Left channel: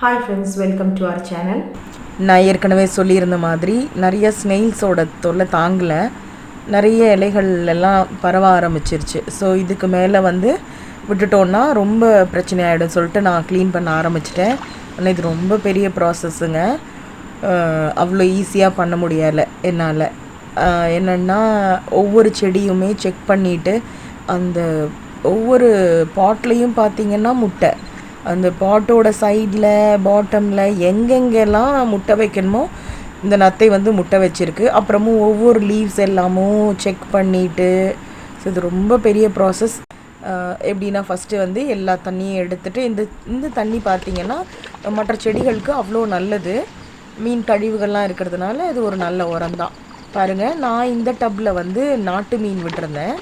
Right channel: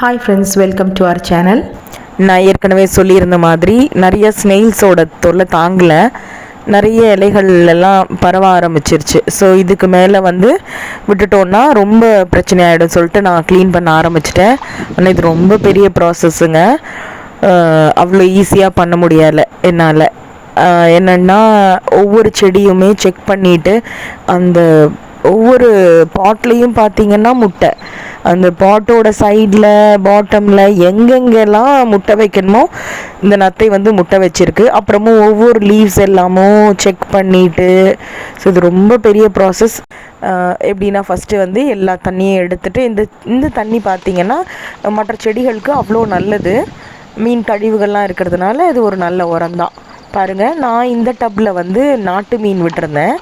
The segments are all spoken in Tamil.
Hi friends welcome to our channel நான் ஏற்கனவே சொல்லியிருந்த மாதிரி நிறைய ஸ்னெயில்ஸோட தொல்லை தாங்கலை. நிறைய இலைகள்லாம் பரவ ஆரம்பிச்சிருச்சு. ஸோ இதுக்கு மேலே வந்து விட்டுட்டோன்னா ரொம்ப பிரச்சனை ஆகிடும் சொல்லிட்டு நான் க்ளீன் பண்ண ஆரம்பிச்சிட்டேன். ஆனால் இது ரொம்ப பெரிய ப்ராசஸ்ஸுங்க அவ்வளோ ஈஸியாக பண்ண முடியலை என்னால். என்னென்னா ஒவ்வொரு செடியுமே செக் பண்ணிவிட்டு அந்த ஒவ்வொரு பாட்லேயும் பார்த்தீங்கன்னா முட்டை. அந்த பாட்டோட சைடில் பாட்டமில் எங்கெங்கெல்லாம் முட்டை வைக்கணுமோ இந்த நத்தை வந்து முட்டை வச்சிருக்கு. அப்புறமும் ஒவ்வொரு லீவ்ஸ் எல்லாமும் செக் பண்ணிவிட்டு ஸோ இது ரொம்ப பெரிய ப்ராசஸ் எப்படின்னா ஃபஸ்ட்டு வந்து எல்லா தண்ணியும் எடுத்துகிட்டு இந்த இந்த தண்ணி பார்த்திங்கன்னா மற்ற செடிகளுக்கு அவ்வளோ நல்லது. மீன் கழிவுகள்லாம் இருக்கிறதுனால இது ஒரு நல்ல உரம் தான் பாருங்கள் நான் இந்த டப்பில் வந்து நாட்டு மீன் விட்டுருந்தேன்.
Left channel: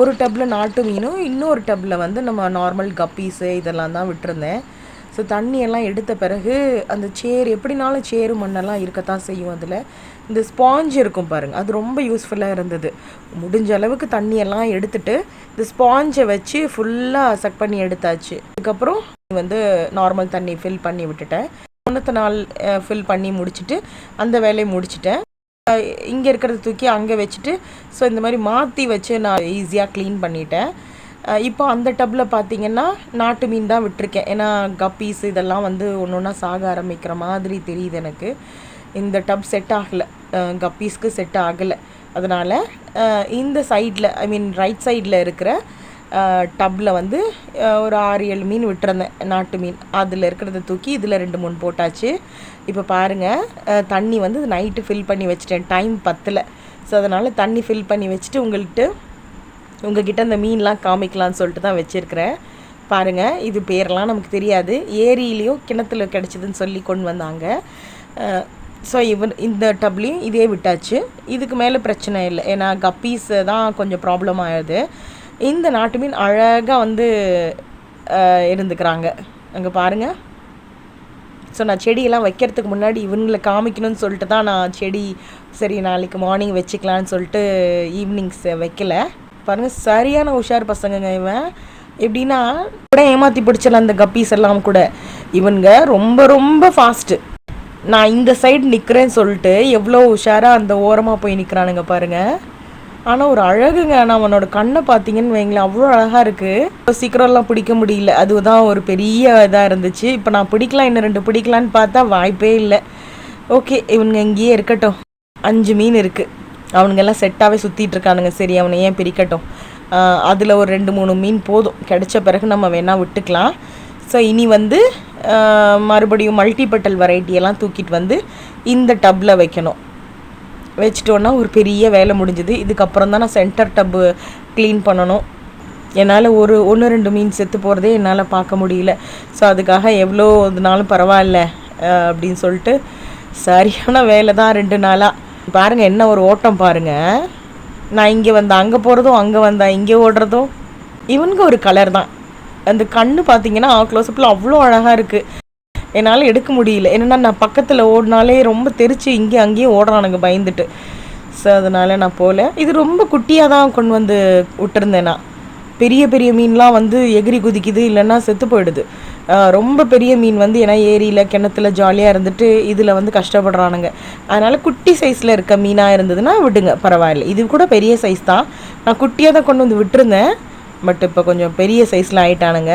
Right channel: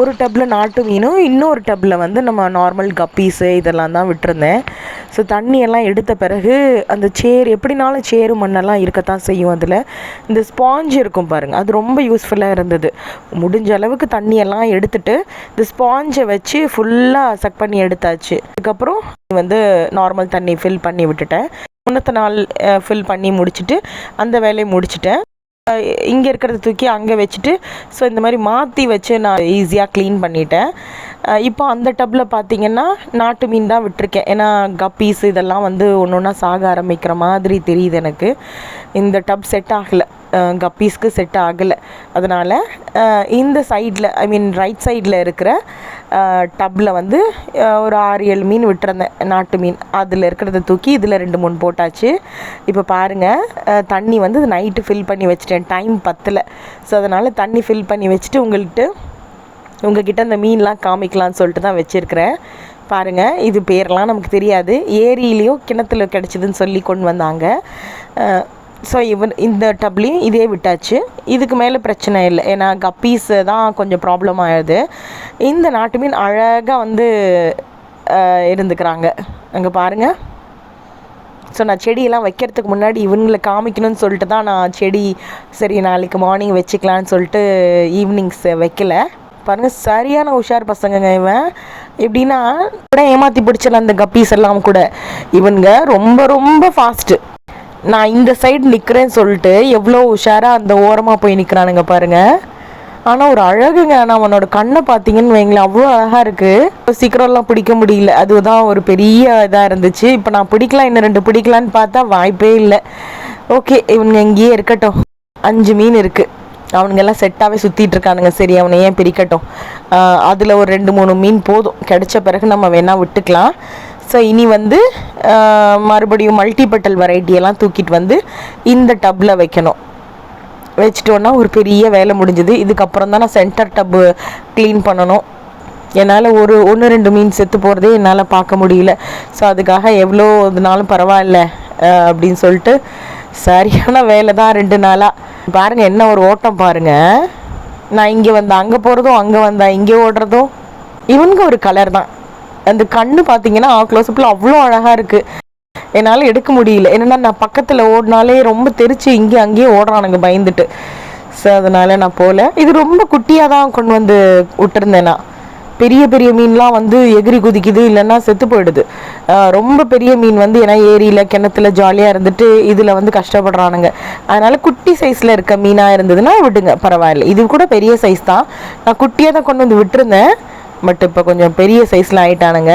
ஒரு டப்பில் நாட்டு மீனும் இன்னொரு டப்பில் வந்து நம்ம நார்மல் கப்பீஸு இதெல்லாம் தான் விட்டுருந்தேன். ஸோ தண்ணியெல்லாம் எடுத்த பிறகு அந்த சேர் எப்படினாலும் சேரு மண்ணெல்லாம் இருக்கத்தான் செய்யும் அதில். இந்த ஸ்பாஞ்ச் இருக்கும் பாருங்கள் அது ரொம்ப யூஸ்ஃபுல்லாக இருந்தது. முடிஞ்ச அளவுக்கு தண்ணியெல்லாம் எடுத்துட்டு இந்த ஸ்பாஞ்சை வச்சு ஃபுல்லாக செக் பண்ணி எடுத்தாச்சு. அதுக்கப்புறம் வந்து நார்மல் தண்ணி ஃபில் பண்ணி விட்டுட்டேன். முன்னத்த நாள் ஃபில் பண்ணி முடிச்சுட்டு அந்த வேலையை முடிச்சுட்டேன். இங்கே இருக்கிறத தூக்கி அங்கே வச்சுட்டு ஸோ இந்த மாதிரி மாற்றி வச்சு நான் ஈஸியாக க்ளீன் பண்ணிட்டேன். இப்போ அந்த டப்பில் பார்த்தீங்கன்னா நாட்டு மீன் தான் விட்டுருக்கேன். ஏன்னா கப்பீஸ் இதெல்லாம் வந்து ஒன்று ஒன்றா சாக ஆரம்பிக்கிற மாதிரி தெரியுது எனக்கு. இந்த டப் செட் ஆகலை. கப்பீஸ்க்கு செட் ஆகலை. அதனால் இந்த சைடில் ஐ மீன் ரைட் சைடில் இருக்கிற டப்பில் வந்து ஒரு ஆறு ஏழு மீன் விட்டுருந்தேன். நாட்டு மீன். அதில் இருக்கிறத தூக்கி இதில் ரெண்டு மூணு போட்டாச்சு. இப்போ பாருங்கள் தண்ணி வந்து நைட்டு ஃபில் பண்ணி வச்சுட்டேன். டைம் பத்தில். ஸோ அதனால் தண்ணி ஃபில் பண்ணி வச்சுட்டு உங்கள்கிட்ட உங்ககிட்ட அந்த மீன்லாம் காமிக்கலாம்னு சொல்லிட்டு தான் வச்சுருக்கிறேன். பாருங்கள் இது பேரெலாம் நமக்கு தெரியாது. ஏரியிலையும் கிணத்துல கிடச்சிதுன்னு சொல்லி கொண்டு வந்தாங்க. ஸோ இவன் இந்த டப்லேயும் இதே விட்டாச்சு. இதுக்கு மேலே பிரச்சனை இல்லை. ஏன்னா கப்பீஸ் தான் கொஞ்சம் ப்ராப்ளம் ஆயிடுது இந்த நாட்டு மீன் அழகாக வந்து இருந்துக்கிறாங்க. அங்கே பாருங்கள் ஸோ நான் செடியெல்லாம் வைக்கிறதுக்கு முன்னாடி இவங்களை காமிக்கணும்னு சொல்லிட்டு தான் நான் செடி சரி நாளைக்கு மார்னிங் வச்சுக்கலான்னு சொல்லிட்டு ஈவினிங்ஸ் வைக்கல. பாருங்கள் சரியான உஷார் பசங்கங்க இவன். எப்படின்னா கூட ஏமாற்றி பிடிச்சல அந்த கப்பீஸ் எல்லாம் கூட. இவனுங்க ரொம்ப ரொம்ப ஃபாஸ்ட்டு நான் இந்த சைடு நிற்கிறேன்னு சொல்லிட்டு எவ்வளோ உஷாராக அந்த ஓரமாக போய் நிற்கிறானுங்க பாருங்கள் ஆனால் ஒரு அழகுங்க. ஆனால் அவனோட கண்ணை பார்த்தீங்கன்னு வைங்களேன் அவ்வளோ அழகாக இருக்குது சீக்கிரம்லாம் பிடிக்க முடியல. அதுதான் ஒரு பெரிய இதாக இருந்துச்சு. இப்போ நான் பிடிக்கலாம் இன்னும் ரெண்டு பிடிக்கலான்னு பார்த்தா வாய்ப்பே இல்லை. ஓகே இவனுங்க இங்கேயே இருக்கட்டும். அஞ்சு மீன் இருக்குது அவனுங்கெல்லாம் செட்டாகவே சுற்றிட்டு இருக்கானுங்க. சரி அவனை ஏன் பிரிக்கட்டும்? அதில் ஒரு ரெண்டு மூணு மீன் போதும். கிடைச்ச பிறகு நம்ம வேணால் விட்டுக்கலாம். ஸோ இனி வந்து மறுபடியும் மல்டிபட்டல் வெரைட்டியெல்லாம் தூக்கிட்டு வந்து இந்த டப்பில் வைக்கணும். வச்சிட்டோன்னா ஒரு பெரிய வேலை முடிஞ்சுது. இதுக்கப்புறம் தான் நான் சென்டர் டப்பு க்ளீன் பண்ணணும். என்னால் ஒரு ஒன்று ரெண்டு மீன் செத்து போகிறதே என்னால் பார்க்க முடியல. ஸோ அதுக்காக எவ்வளோ இதுனாலும் பரவாயில்ல அப்படின்னு சொல்லிட்டு சரியான வேலை தான் ரெண்டு நாளாக பாருங்கள் என்ன ஒரு ஓட்டம் பாருங்கள் நான் இங்கே வந்தேன் அங்கே போகிறதும் அங்கே வந்தேன் இங்கே ஓடுறதும். இவனுக்கு ஒரு கலர் தான். அந்த கண்ணு பார்த்தீங்கன்னா க்ளோஸ்அப்பில் அவ்வளோ அழகாக இருக்குது என்னால் எடுக்க முடியல. என்னென்னா நான் பக்கத்தில் ஓடினாலே ரொம்ப தெரிச்சு இங்கே அங்கேயே ஓடுறானுங்க பயந்துட்டு. ஸோ அதனால் நான் போகல இது ரொம்ப குட்டியாக தான் கொண்டு வந்து விட்டுருந்தேன். நான் பெரிய பெரிய மீன்லாம் வந்து எகிரி குதிக்குது இல்லைன்னா செத்து போயிடுது. ரொம்ப பெரிய மீன் வந்து ஏன்னா ஏரியில் கிணத்துல ஜாலியாக இருந்துட்டு இதில் வந்து கஷ்டப்படுறானுங்க. அதனால் குட்டி சைஸில் இருக்க மீனாக இருந்ததுன்னா விடுங்க பரவாயில்ல. இது கூட பெரிய சைஸ் தான். நான் குட்டியாக தான் கொண்டு வந்து விட்டுருந்தேன். பட் இப்போ கொஞ்சம் பெரிய சைஸில் ஆயிட்டானுங்க.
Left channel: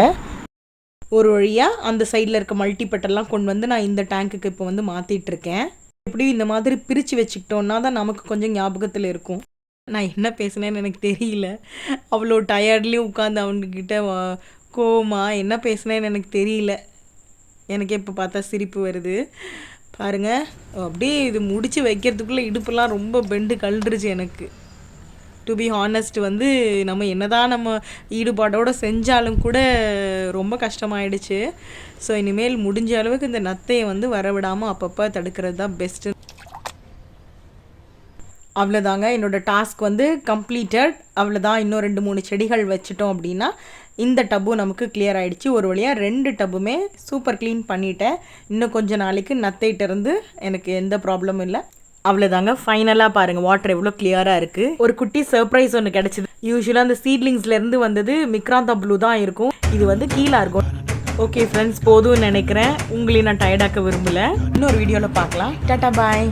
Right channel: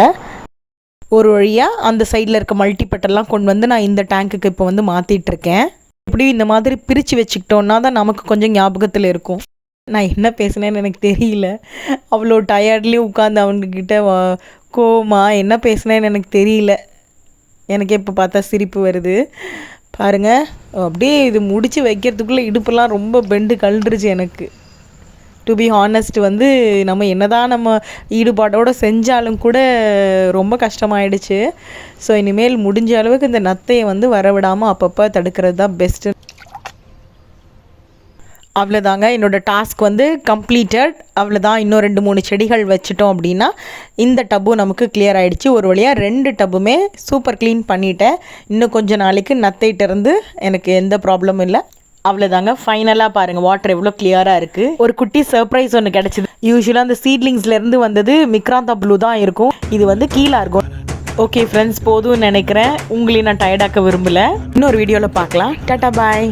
ஒரு வழியாக அந்த சைடில் இருக்க மல்டிபட்டெல்லாம் கொண்டு வந்து நான் இந்த டேங்க்குக்கு இப்போ வந்து மாற்றிட்டுருக்கேன் இப்படி இந்த மாதிரி பிரித்து வச்சுக்கிட்டோன்னா தான் நமக்கு கொஞ்சம் ஞாபகத்தில் இருக்கும். நான் என்ன பேசுனேன்னு எனக்கு தெரியல. அவ்வளோ டயர்ட்லேயும் உட்காந்து அவங்கக்கிட்ட கோமா என்ன பேசுனேன்னு எனக்கு தெரியல. எனக்கு இப்போ பார்த்தா சிரிப்பு வருது. பாருங்கள் அப்படியே இது முடித்து வைக்கிறதுக்குள்ளே இடுப்பெல்லாம் ரொம்ப பெண்டு கழுந்துருச்சு எனக்கு. டு பி ஹானஸ்ட் வந்து நம்ம என்னதான் நம்ம ஈடுபாடோடு செஞ்சாலும் கூட ரொம்ப கஷ்டமாயிடுச்சு. ஸோ இனிமேல் முடிஞ்ச அளவுக்கு இந்த நத்தையை வந்து வரவிடாமல் அப்பப்போ தடுக்கிறது தான் பெஸ்ட்டு அவ்வளோதாங்க என்னோடய டாஸ்க் வந்து கம்ப்ளீட்டட் அவ்வளோதான் இன்னும் ரெண்டு மூணு செடிகள் வச்சுட்டோம் அப்படின்னா இந்த டப்பும் நமக்கு கிளியர் ஆகிடுச்சு ஒரு வழியாக ரெண்டு டப்புமே சூப்பர் க்ளீன் பண்ணிட்டேன். இன்னும் கொஞ்சம் நாளைக்கு நத்தைகிட்ட இருந்து எனக்கு எந்த ப்ராப்ளமும் இல்லை. அவ்வளோதாங்க ஃபைனலாக பாருங்கள் வாட்டர் எவ்வளோ கிளியராக இருக்குது ஒரு குட்டி சர்ப்ரைஸ் ஒன்று கிடச்சிது. யூஸ்வலாக அந்த சீட்லிங்ஸ்லேருந்து வந்தது மிக்ராந்தா ப்ளூ தான் இருக்கும். இது வந்து கீழே இருக்கும். ஓகே ஃப்ரெண்ட்ஸ் போதும்னு நினைக்கிறேன். உங்களையும் நான் டயர்டாக்க விரும்பலை. இன்னொரு வீடியோவில் பார்க்கலாம். டாட்டா பாய்